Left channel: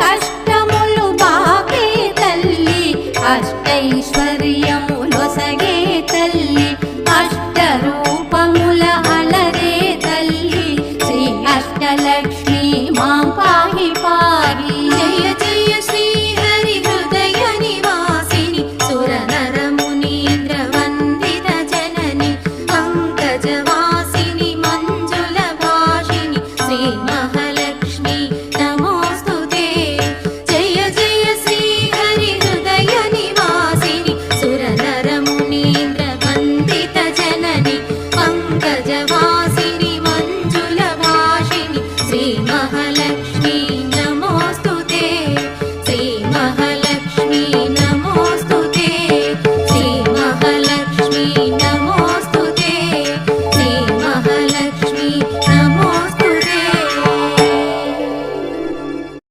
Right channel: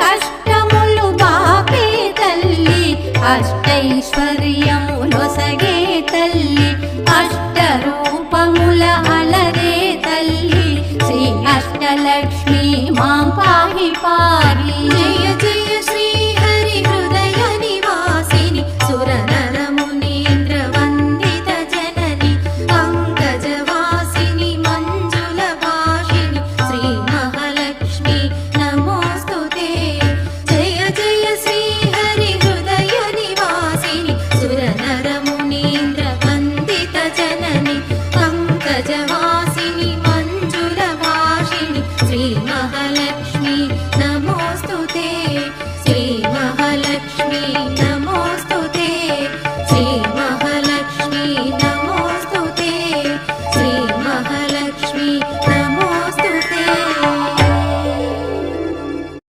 కష్టములు బాపే తల్లి అష్టైశ్వర్యములొసగే తల్లి అష్టరూపముల అలరే తల్లి శ్రీ అష్టలక్ష్మి మాం పాహి పాహి.